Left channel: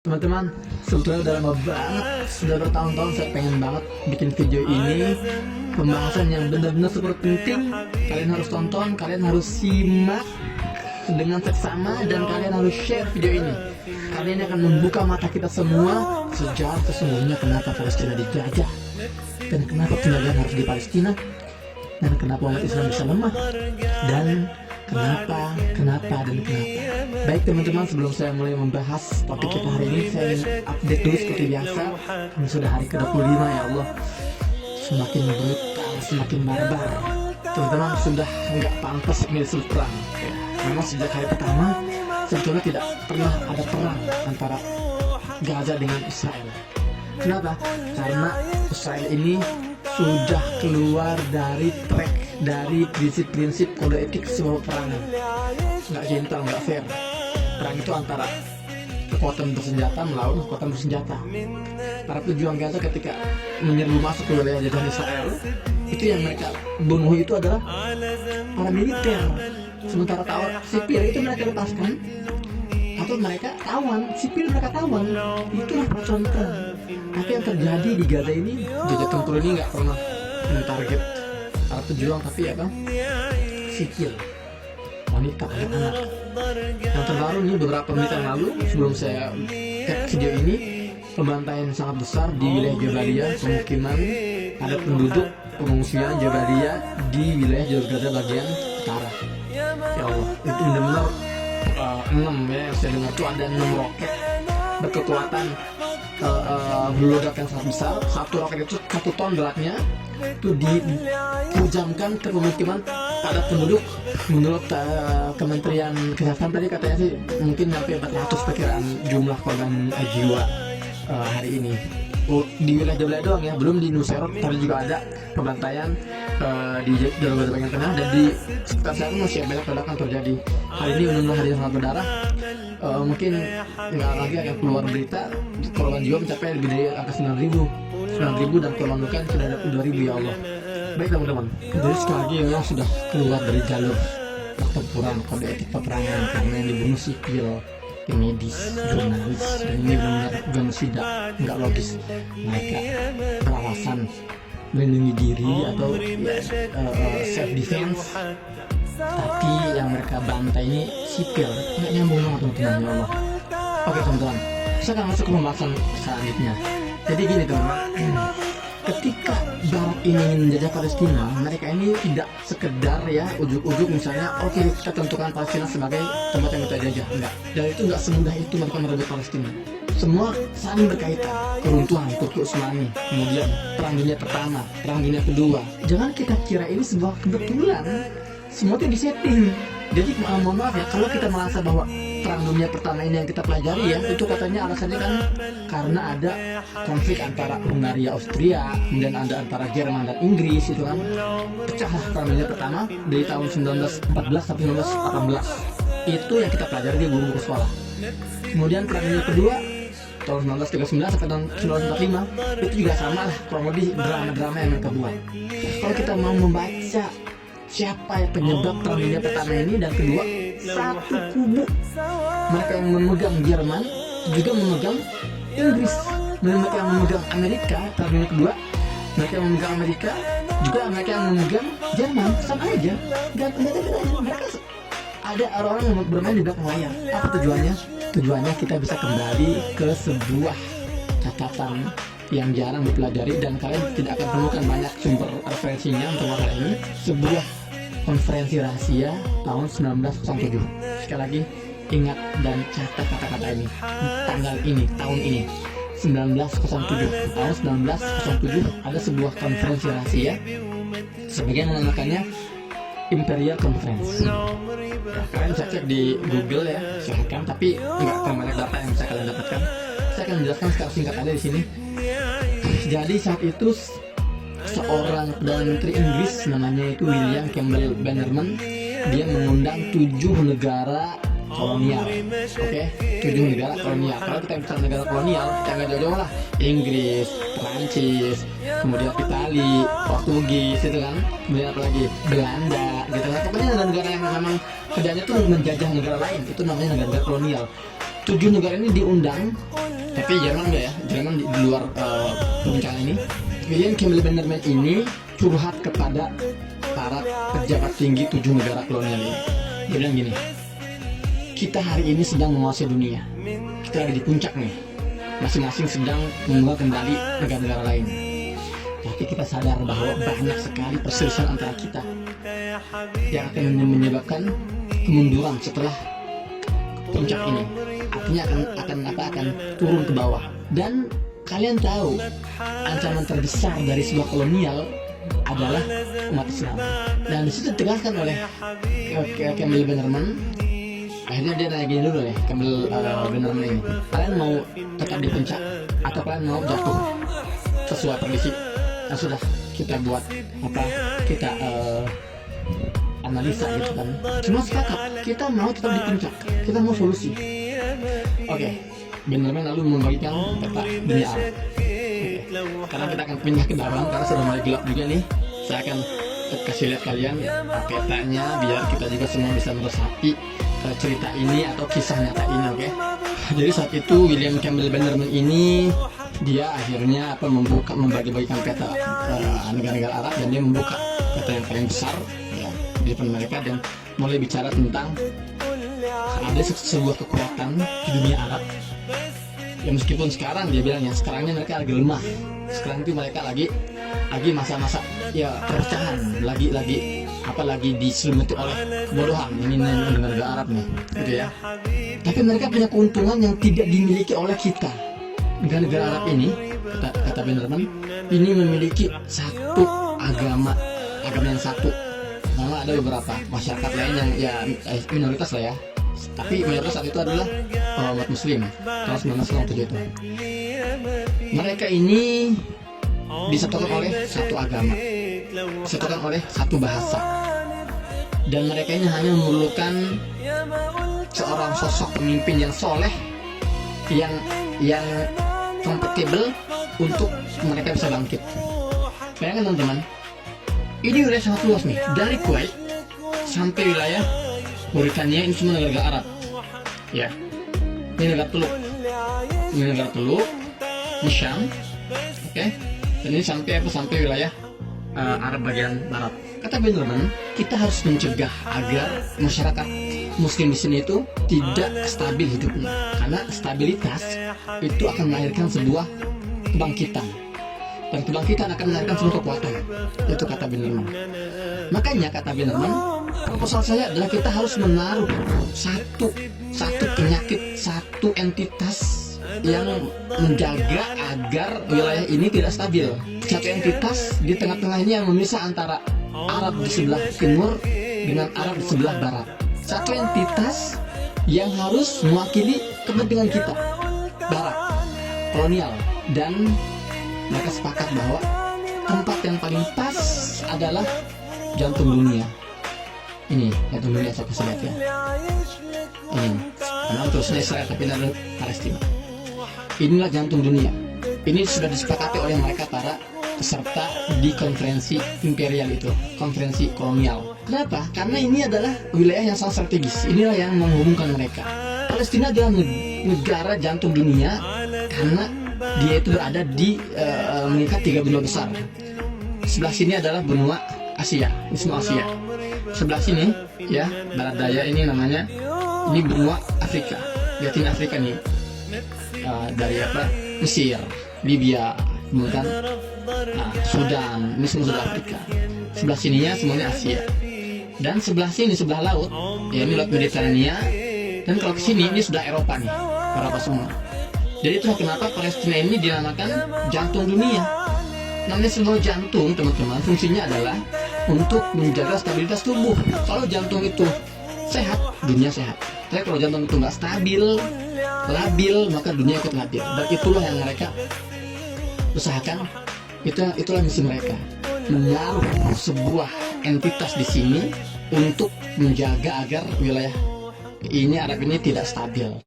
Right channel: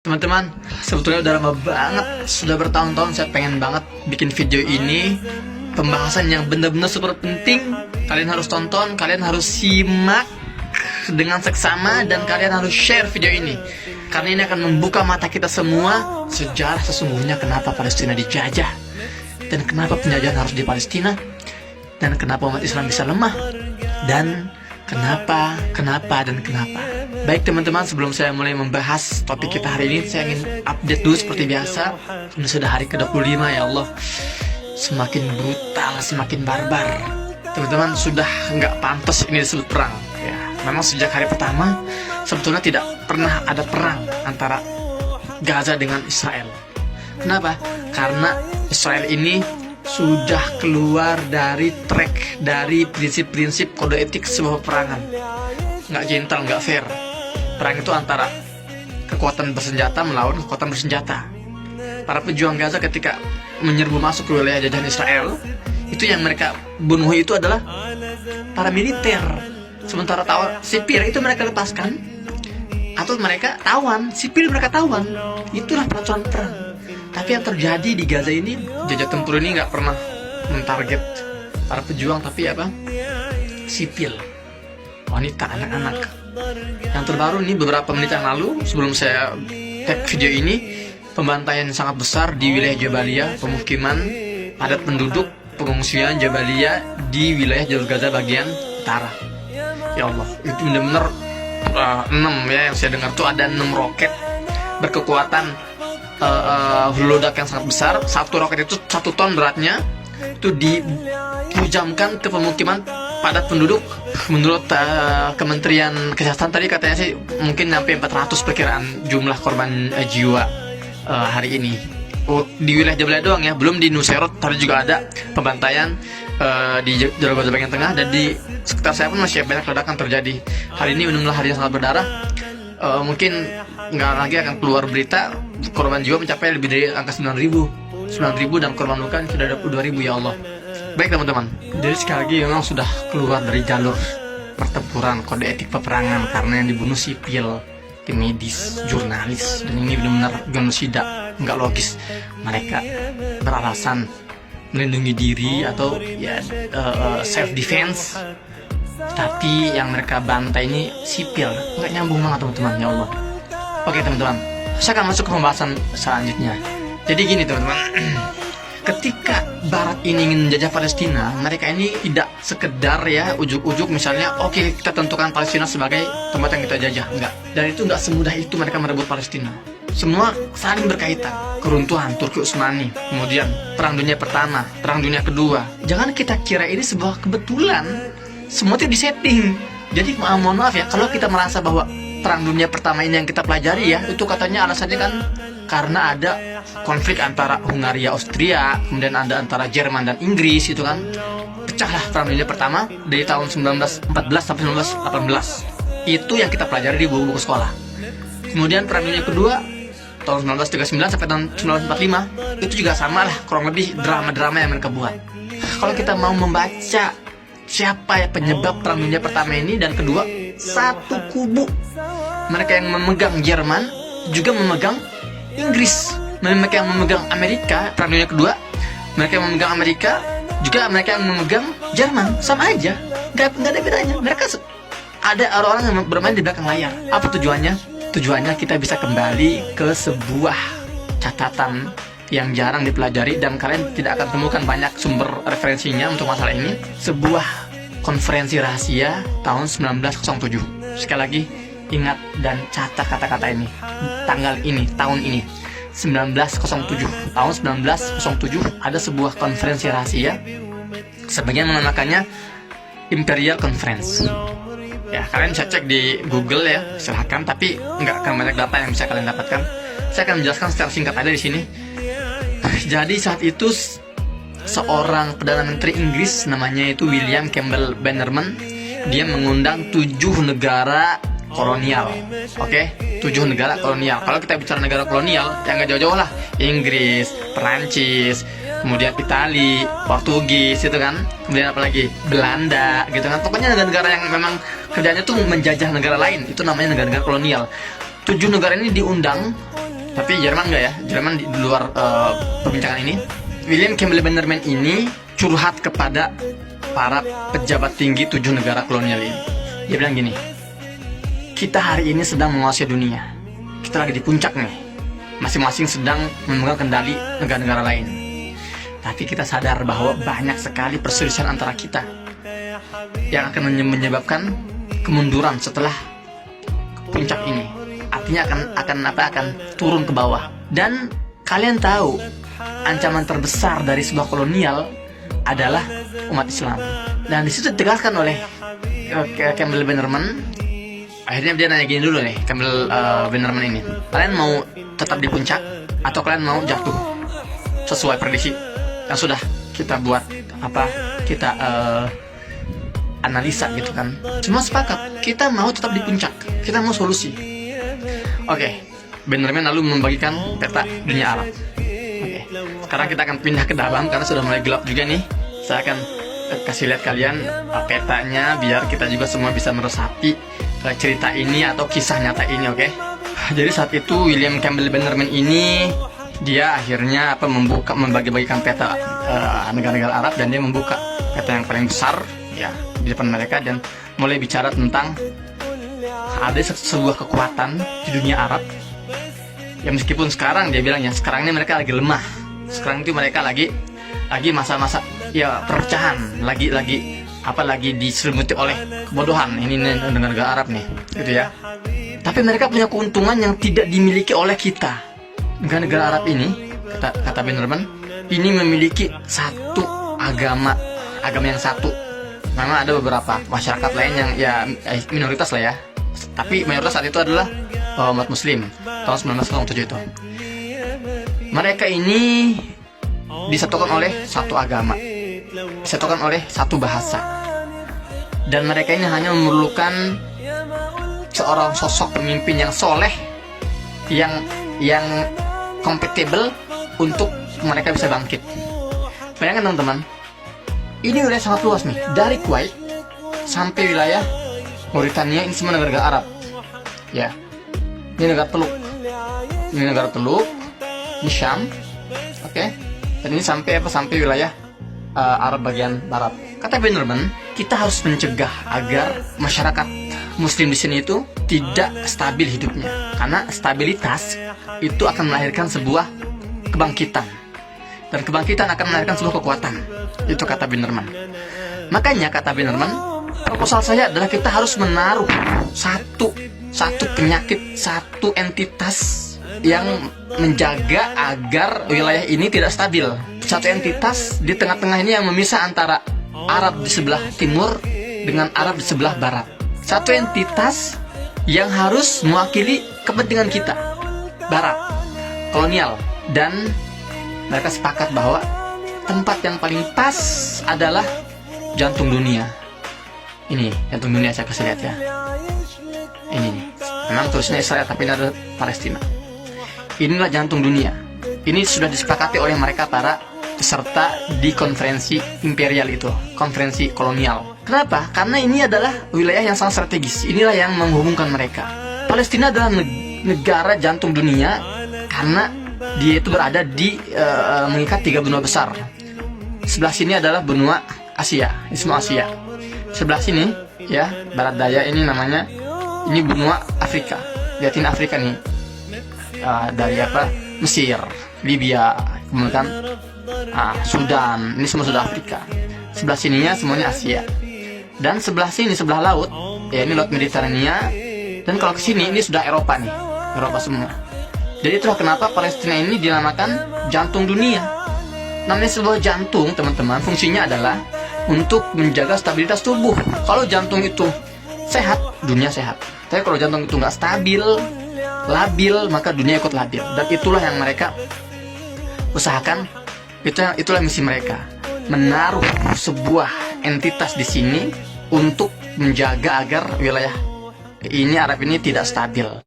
Teman-teman, sebetulnya udah lama banget, sudah bertahun-tahun saya pengen banget bikin video ini. Pembahasan yang benar-benar super penting. Kalian harus tonton, kalian harus simak dengan seksama, dan kalian harus share video ini. Karena ini akan membuka mata kita semua sejarah sesungguhnya kenapa Palestina dijajah, dan kenapa penjajahan harus di Palestina, dan kenapa umat Islam bisa lemah, dan kenapa. Baik teman-teman, sebelum saya mulai membahas topik kita hari ini, saya ingin update dulu seperti biasa. Ini sudah hari ke-25, ya Allah. Semakin brutal, semakin barbar. Teman-teman, sudah nggak pantas ini disebut perang ya. Memang sejak hari pertama sebetulnya tidak pernah ada perang antara Gaza dengan Israel. Kenapa? Karena Israel ini sudah keluar dari track, dari prinsip-prinsip kode etik sebuah peperangan. Nggak gentle, nggak fair. Perang itu antara kekuatan bersenjata melawan kekuatan bersenjata. Para pejuang Gaza ketika menyerbu masuk ke wilayah jajahan Israel, itu yang mereka bunuh itu adalah para militer. Sementara sipil itu mereka lepaskan, atau mereka tawan, sipil mereka tawan. Itulah peraturan perang. Tapi yang terjadi di Gaza ini, jajah tempur ini nggak pernah mentarget para pejuang, tapi apa? Sipil, wanita, anak-anak. Yang terbaru nih, beberapa menit yang lalu sebelum saya tag video ini, pembantaian sangat besar di wilayah Jabalia, pemukiman padat penduduk, pengungsian Jabalia di wilayah jalur Gaza bagian utara. Ya Allah, itu benar-benar 6 ya, yang saya dengar tuh ada 6 roket berkekuatan ledak yang sangat besar. Satu roket itu 1 ton beratnya, itu dipujamkan ke pemukiman padat penduduk. Menurut Kementerian Kesehatan tadi katanya sih mungkin sampai 400 perkiraan jumlah korban jiwa hari ini di wilayah Jabalia doang ya, belum di Nusairat. Tadi juga ada pembantaian di jalur Gaza bagian tengah, dan di sekitar saya pun masih banyak ledakan terjadi. Hari ini benar-benar hari yang sangat berdarah. Mungkin nggak lagi akan keluar berita korban jiwa mencapai lebih dari angka 9.000 dan korban luka sudah ada 22.000, ya Allah. Baik teman-teman, jadi sekali lagi memang sudah keluar dari jalur pertempuran kode etik peperangan, karena yang dibunuh sipil, tim medis, jurnalis, dan ini benar-benar genosida, nggak logis. Mereka beralasan melindungi diri atau ya, self defense, tapi yang mereka bantai ini sipil. Nggak nyambung banget teman-teman, ya Allah. Oke teman-teman, saya akan masuk ke pembahasan selanjutnya. Jadi gini teman-teman, ketika Barat ini ingin menjajah Palestina, mereka ini tidak sekedar ya ujuk-ujuk misalnya oke, kita tentukan Palestina sebagai tempat yang kita jajah. Enggak. Dan itu enggak semudah itu mereka merebut Palestina. Semua saling berkaitan. Keruntuhan Turki Utsmani, kemudian Perang Dunia Pertama, Perang Dunia Kedua. Jangan kita kira ini sebuah kebetulan. Semua itu disetting. Jadi mohon maaf ya, kalau kita merasa bahwa Perang Dunia Pertama ini yang kita pelajari ya, itu katanya alasannya kan karena ada konflik antara Hungaria, Austria, kemudian ada antara Jerman dan Inggris, itu kan pecahlah Perang Dunia Pertama dari tahun 1914 sampai 1918. Itu yang kita pelajari di buku-buku sekolah. Kemudian Perang Dunia Kedua tahun 1939 sampai tahun 1945, itu juga sama lah, kurang lebih drama-drama yang mereka buat. Kalau kita mau membaca siapa ya penyebab Perang Dunia Pertama ini dan Kedua, satu kubu. Mereka yang memegang Jerman juga memegang Inggris. Mereka yang memegang Amerika Perang Dunia Kedua, mereka yang memegang Amerika juga mereka yang memegang Jerman. Sama aja, nggak ada bedanya. Mereka ada orang-orang yang bermain di belakang layar. Apa tujuannya? Tujuannya kita bisa kembali ke sebuah catatan yang jarang dipelajari, dan kalian tidak akan temukan banyak sumber referensinya untuk masalah ini. Sebuah konferensi rahasia tahun 1907. Sekali lagi, ingat dan catat kata-kata ini. Tanggal ini, tahun ini, 1907. Tahun 1907 ada sebuah konferensi rahasia. Sebagian menamakannya Imperial Conference. Ya, kalian bisa cek di Google ya, silahkan. Tapi nggak akan banyak data yang bisa kalian dapatkan. Saya akan menjelaskan secara singkat aja di sini. Jadi saat itu seorang Perdana Menteri Inggris namanya itu William Campbell Bannerman, dia mengundang 7 negara kolonial. Oke, 7 negara kolonial. Kalau kita bicara negara kolonial, yang gak jauh-jauh lah, Inggris, Perancis, kemudian Itali, Portugis, itu kan. Kemudian apa lagi? Belanda, gitu kan. Pokoknya negara-negara yang memang kerjanya tuh menjajah negara lain, itu namanya negara-negara kolonial. 7 negara ini diundang Tapi Jerman enggak ya, Jerman di luar perbincangan ini. William Campbell Bannerman ini curhat kepada para pejabat tinggi 7 negara kolonial ini. Dia bilang gini, kita hari ini sedang menguasai dunia, kita lagi di puncak nih, masing-masing sedang memegang kendali negara-negara lain. Tapi kita sadar bahwa banyak sekali perselisihan antara kita yang akan menyebabkan kemunduran setelah puncak ini. Artinya akan turun ke bawah. Dan kalian tahu ancaman terbesar dari sebuah kolonial adalah umat Islam. Dan di situ ditegaskan oleh Campbell Bannerman. Akhirnya dia nanya gini dulu nih, Campbell Bannerman ini, kalian mau tetap di puncak atau kalian mau jatuh sesuai prediksi yang sudah kita buat kita analisa gitu kan. Semua sepakat kita mau tetap di puncak, kita mau solusi. Oke. Bannerman lalu membagikan peta dunia Arab. Oke. Sekarang kita akan pindah ke dalam karena sudah mulai gelap juga nih. Saya akan kasih lihat kalian petanya biar kita juga semua bisa meresapi cerita ini atau kisah nyata ini, oke? Jadi saat itu William Campbell Bannerman ini dia akhirnya membagi-bagikan peta negara-negara Arab, dan dia membuka peta yang paling besar ya di depan mereka dan mulai bicara tentang ada sebuah kekuatan di dunia Arab. Ya meskipun sekarang dia bilangnya sekarang ini mereka lagi lemah. Sekarang itu mereka lagi masa-masa ya perpecahan, lagi diselimuti oleh kebodohan ini negara Arab nih, gitu ya. Tapi mereka punya keuntungan yang tidak dimiliki oleh kita. Negara-negara Arab ini, kata Bannerman, ini memiliki satu agama yang satu. Memang ada beberapa masyarakat lain yang ya minoritas lah ya. Tapi mayoritas saat itu adalah umat Muslim tahun 1907 itu. Mereka ini disatukan oleh satu agama, disatukan oleh satu bahasa, dan mereka ini hanya memerlukan seorang sosok pemimpin yang soleh, yang kompatibel untuk mereka bisa bangkit. Bayangkan teman-teman, ini wilayah sangat luas nih, dari Kuwait sampai wilayah Mauritania, ini semua negara Arab. Ya, ini negara Teluk, ini Syam, oke. Dan ini sampai wilayah Arab bagian barat. Kata Bannerman, kita harus mencegah agar masyarakat Muslim di sini itu tidak stabil hidupnya, karena stabilitas itu akan melahirkan sebuah kebangkitan, dan kebangkitan akan melahirkan sebuah kekuatan. Itu kata Bannerman. Makanya kata Bannerman, proposal saya adalah kita harus menaruh satu penyakit, satu entitas yang menjaga agar wilayah ini tidak stabil. Satu entitas di tengah-tengah ini yang memisah antara Arab di sebelah timur dengan Arab di sebelah barat. Satu entitas yang harus mewakili kepentingan kita, barat, kolonial. Dan mereka sepakat bahwa tempat yang paling pas adalah jantung dunia. Ini jantung dunia, saya kasih lihat ya. Ini memang tulisnya Israel tapi ini adalah Palestina. Inilah jantung dunia. Ini sudah disepakati oleh mereka para peserta di konferensi imperial itu, konferensi kolonial. Kenapa? Karena ini adalah wilayah yang sangat strategis. Inilah yang menghubungkan mereka. Palestina adalah negara jantung dunia karena dia itu berada di mengikat 3 benua besar. Sebelah sini adalah benua Asia, ini semua Asia. Sebelah sini ya, barat daya ini namanya, ini benua Afrika, lihatin Afrika nih. Dari Mesir, Libya, kemudian Sudan, ini semua sudah Afrika. Sebelah sininya semuanya Asia. Dan sebelah sini, sebelah laut, ya ini laut Mediterania. Dan kalau ke sini ini sudah Eropa nih, Eropa semua. Jadi itulah kenapa Palestina ini dinamakan jantung dunia. Namanya sebuah jantung, teman-teman, fungsinya adalah untuk menjaga stabilitas tubuh. Kalau jantung itu sehat, dunia sehat. Tapi kalau jantung itu nggak stabil, labil, maka dunia ikut labil. Dan itulah yang mereka usahakan. Itulah misi mereka, menaruh sebuah entitas di sini untuk menjaga agar wilayah ini Arab ini tidak stabil.